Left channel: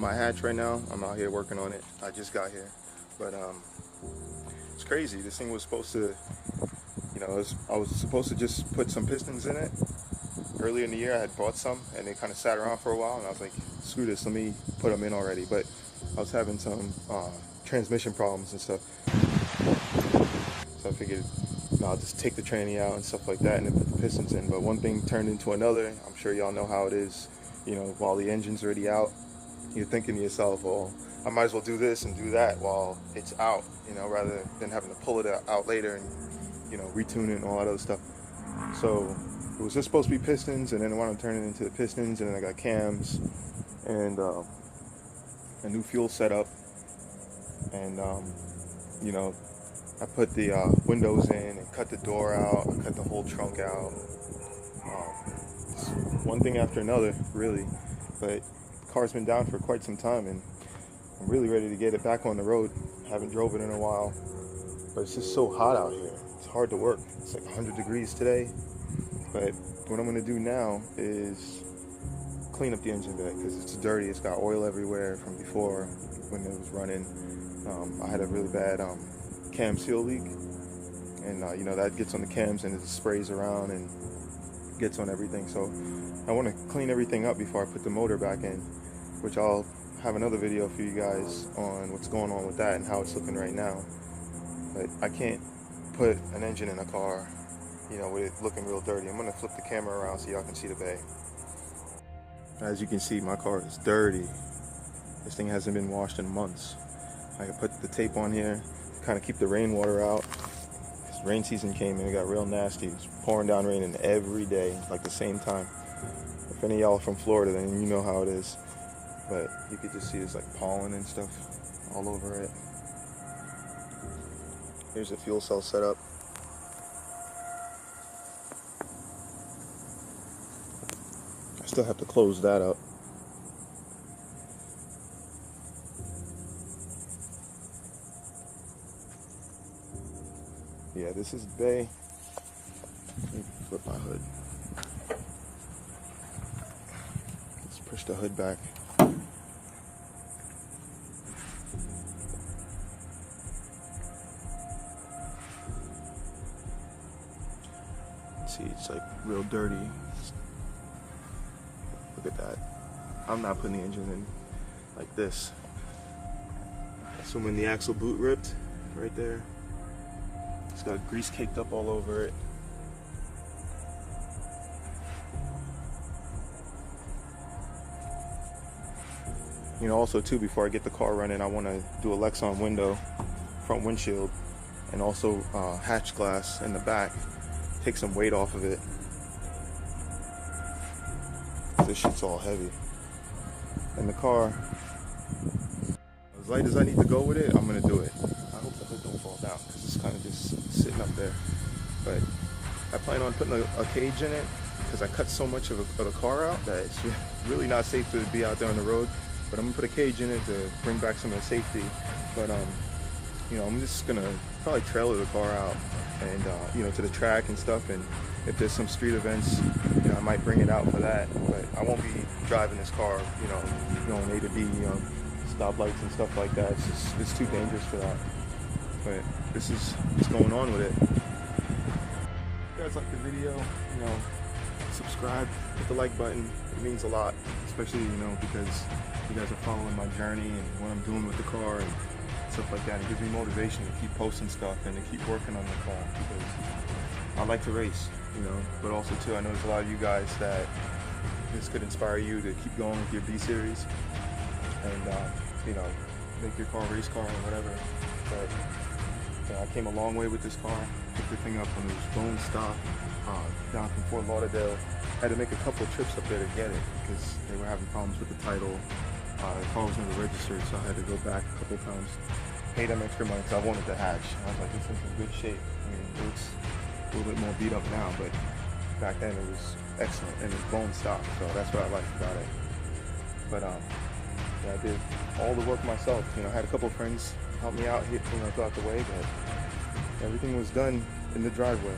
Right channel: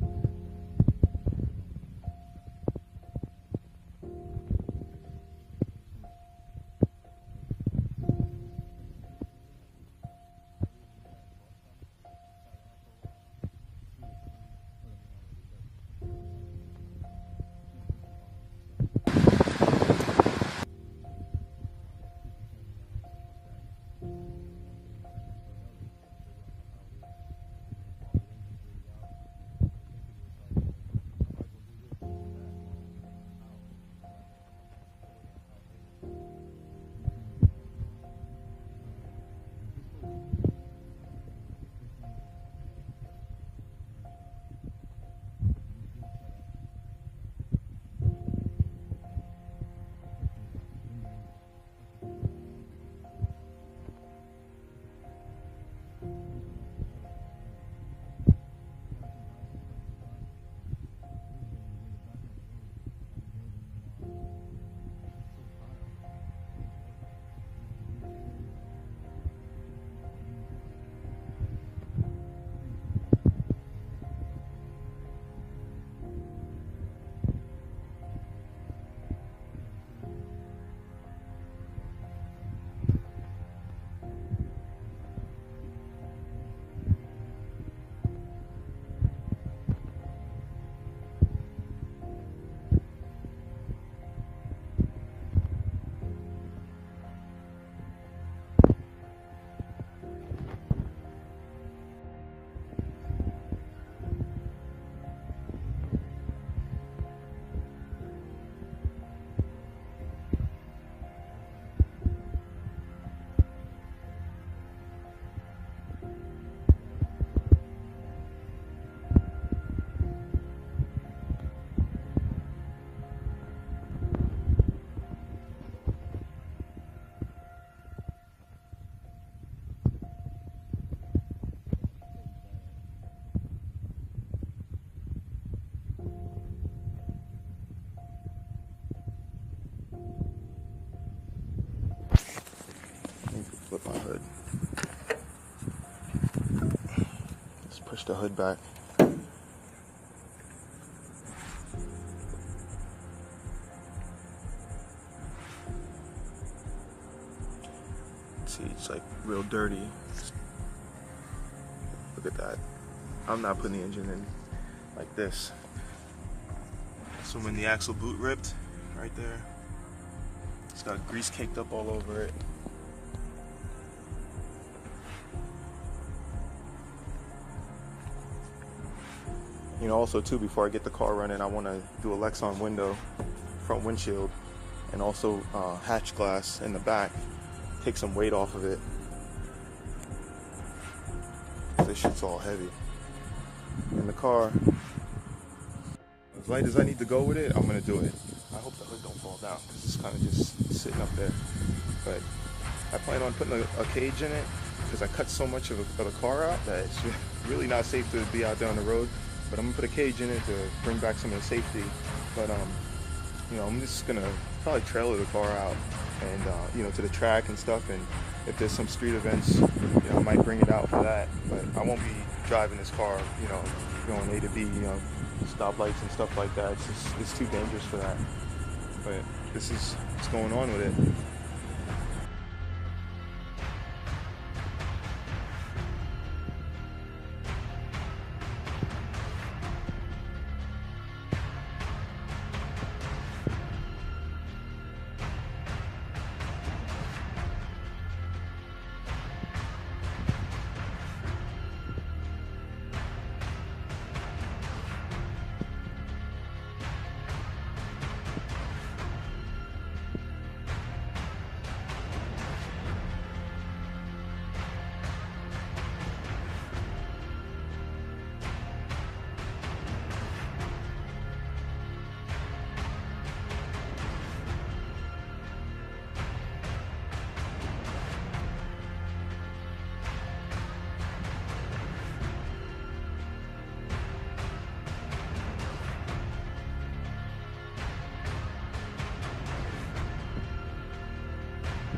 on my hatch right now. I'm out here working on it. I just got here, but it's crazy. This thing was supposed to, I was supposed to just put some pistons in it. Earlier in the year I had bought some and they kind of sat around for a while, and I was like, screw this, let me put them in already. But I was having some transmission problems and stuff, so I figured I'll just take the tranny out and stuff like that and then put the pistons in. But one thing turned into another. I'm sure y'all know how it is. While the engine's already out, you're thinking to yourself, well, I might as well do this and do that while it's out, rather than having to pull it out later and retune it and all that other stuff. So it was just supposed to be pistons, and then I wanted to turn it into the pistons, and then I got cams and a new fuel setup, and I put the windows in and cut the door out. I cut the whole trunk out. One thing after another, really. But the car's been down for quite some time, and I'm really ready to get it back on the road. Haven't drove it in a while, but it's just so hot out here. It's hard to work. It's like 100 degrees today. But what I'm going to do now is clean up the engine bay because it's dirty. It's got oil everywhere from before when it was running. I had a really bad cam seal leak, and that gets on the cams and it sprays around and gets on everything. So I want to clean everything up before I put the motor back in, which I'll have another video for you guys on what's going on with that and how it's looking right now. But I can't put an engine in a car with it looking real dirty. I'm going to flip the camera around so y'all can see the bay. As you can see, my car is dirty. This thing hasn't been washed in months. I can put the tape on here, kind of keep the rainwater out. This rain season came and it got real nasty. It was pouring down raining every day, like the same time. If any of y'all are from Florida, then you know how it is. But you can just see it's like pollen and stuff all over it. Here's the fuel cell setup. I still have to close that up. Yeah, this is the bay. Let me flip my hood. Let's push the hood back. See, it's like real dirty. Look at that. I'm not putting the engine in like this. So when the axle boot ripped, right there, it's got grease caked up all over it. Also too, before I get the car running, I want to do a Lexan window, front windshield, and also hatch glass in the back. Take some weight off of it. This shit's all heavy. And the car, as light as I need to go with it, I'm gonna do it. I hope the hood don't fall down because it's kind of just sitting up there. But I plan on putting a cage in it because I cut so much of the car out that it's really not safe to be out there on the road. But I'm gonna put a cage in it to bring back some of the safety. But I'm just gonna probably trailer the car out and to the track and stuff. And if there's some street events, I might bring it out for that. But I won't be driving this car, going A to B, stoplights and stuff like that. It's too dangerous for that. But this is what's going on with it. If you guys like the video, subscribe, hit the like button. It means a lot, especially because you guys are following my journey and what I'm doing with the car and stuff like that. It gives me motivation to keep posting stuff and to keep working on the car because I like to race, but also too, I know there's a lot of you guys that this could inspire you to keep going with your B series and make your car a race car or whatever. But I came a long way with this car. Picked the thing up when it was going stock down from Fort Lauderdale. Had to make a couple of trips up there to get it because they were having problems with the title. The car was never registered, so I had to go back a couple of times. Paid them extra money, so I wanted the hatch. I was like, this is in good shape. It's a little bit more beat up now, but back then it was excellent and it's bone stock, so that's what I liked about it. But I did all the work myself. I had a couple of friends help me out, throughout the way, but everything was done in the driveway.